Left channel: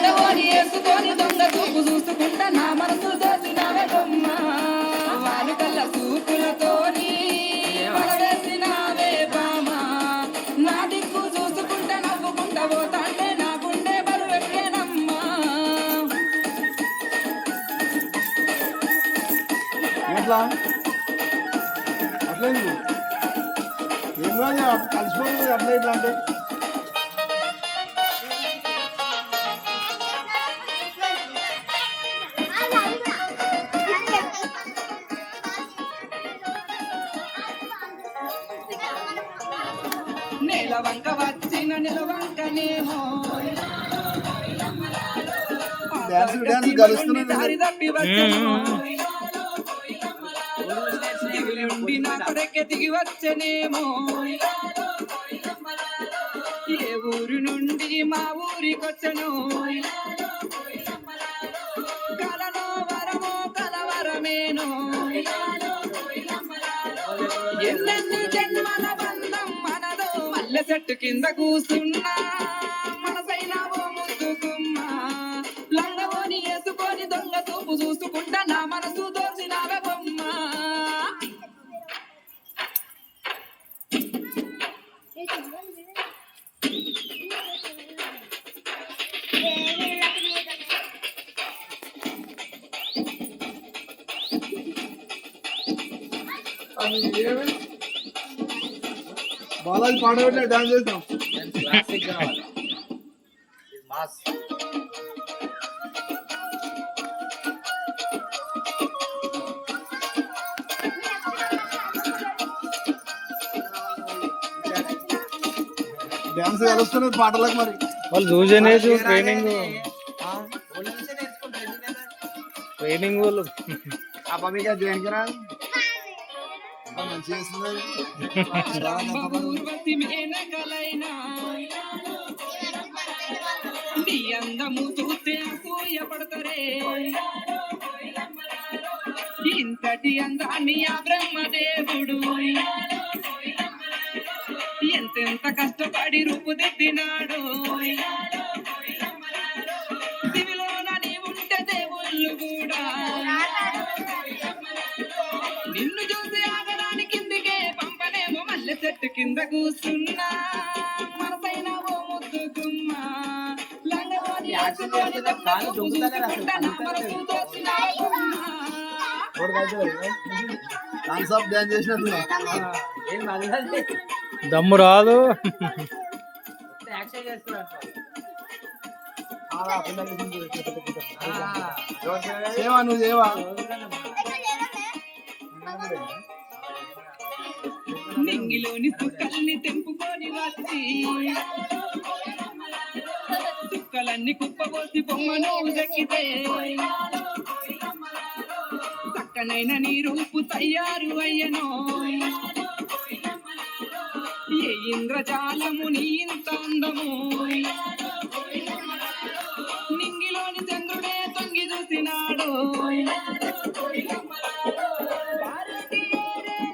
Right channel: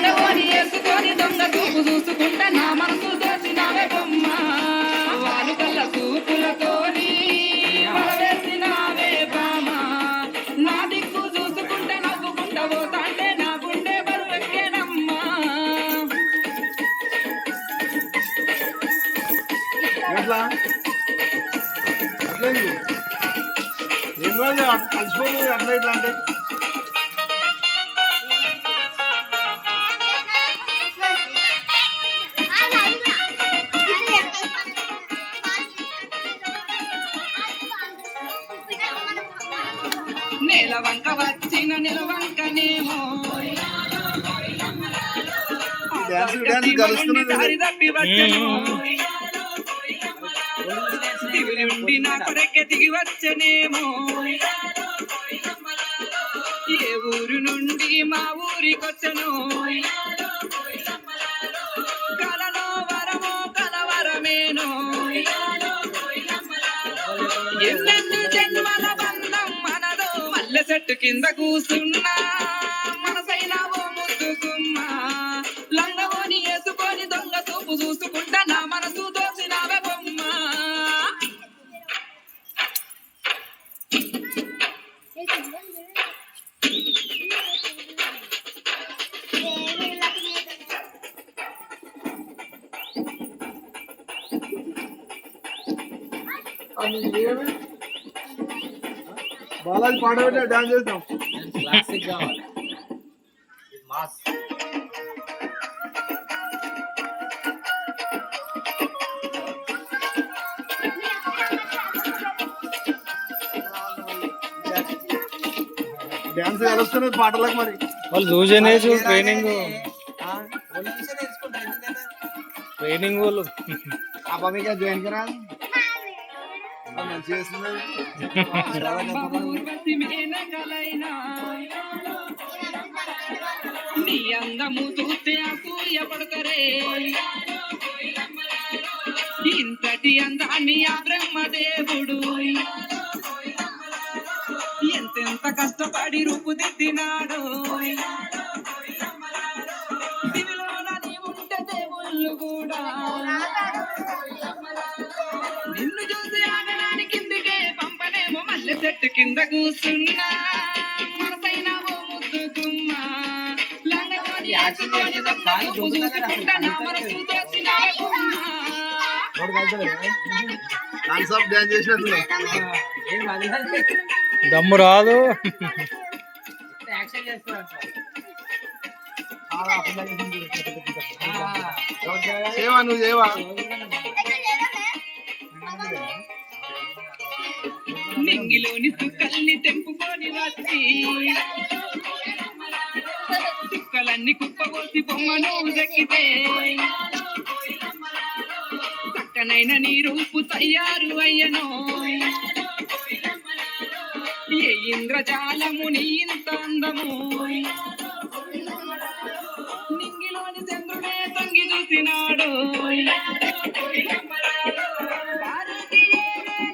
లంగవోని వేసుకొని దొంగ చూపు చూసుకుంటా నా మనసు దోచినావే బొమ్మ వారి కళ్ళ చూపులతోని వలవేసినావే బామ నా దిక్కు చూసుకుంటా నవ్వుకుంటా పోతాంటే నా గుండె బరువెక్కేనమ్మా ఎట్లా అట్లా ఏమో కలిసిపోతుంది అట్లా ఇట్లా అంటే నెలవంక వచ్చిన నిలవంకనేమో దారి తప్పి వచ్చను దిగులి ఉండి నా కొడకె దిగి వచ్చనేమో ఏ ఊరు నుండి మా ఊరికొచ్చను కలలో వరమో కలవరమేనో ఎన్నెన్ని జన్మల బంధం మనదో మల్లె చెట్టు కింద కూసున్నా మనసైన ఓ ముద్దుకుమ్మా లంగవోని వేసుకొని దొంగ చూపు చూసుకుంటా నా మనసు దోచినావే బొమ్మ బాలాజీ పాట పెట్టిన డాన్స్ చేస్తాం క్లాసిక్ కావాలి మాస్ డాన్స్ కలుస్తున్నది పాటలకు మరి వాళ్ళు చూసేనే ట్రైనింగ్ వాళ్ళు आप अभी क्या ज्वाइन करा చేస్తున్నారు నీ అందము చూస్తే అసూయ పడతరే ఇంతటి అందాన్ని ఆ బ్రహ్మదేవుడు ఎంతెంత కష్టపడి రూపుదిద్దినాడు దివిలోన నీ ఉంటే దేవుళ్ళు కూడా నిన్ను చూసి ఆగడానికి కిందికే పంపనేమో మల్లె చెట్టు కింద కూర్చున్నా మనపైన ఓ ముద్దుకుమ్మ లంగవోని వేసుకొని దొంగ చూపు చూసుకుంటా నా మనసు దోచినావే బొమ్మ కాన్సెప్ట్ డాన్స్ చేసినట్లు దమ్ము రాదు సేవా నువ్వు సేవా నింగిలోని సుక్కల్ని తెంపుకొని వచ్చి సుక్కలన్నీ కుప్పబోసి బొమ్మను దక్కితే చక్కనైన నీ రూపు తయారు అయ్యనో ఏ ఇంద్రజాలము నీ ఇంత అందము నింగిలోని చంద్రుడే తొంగి చూసినాడు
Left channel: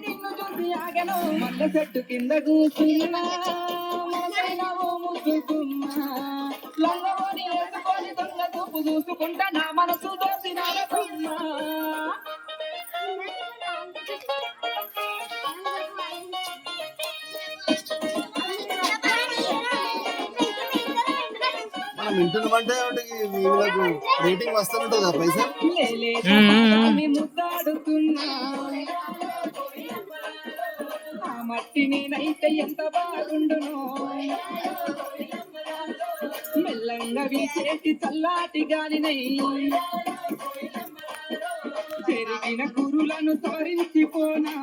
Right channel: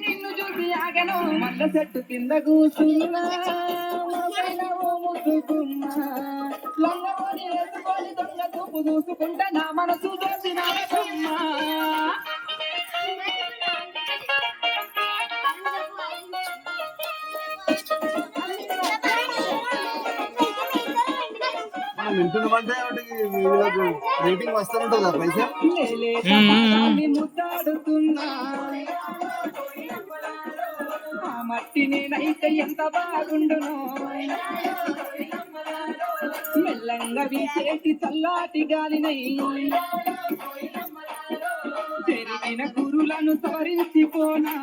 నిన్ను చూసి ఆగను మల్ల చెట్టు కింద కూర్చున్నా ముద్దుకుమ్మ లంగవోని వేసుకొని దొంగ చూపు చూసుకుంటా నా మనసు దోచిన వింటున్నామంటే వీళ్ళకు రేటింగ్ వస్తుంటుంది కదా పైసా ముద్దాడుతున్నా ఆ మట్టి నేనైతే ఎంత బాగుండునో మెల్లంగా వీచేటి చల్లాటి గాలినై చెరిగిన కురులను తోరించిపోనా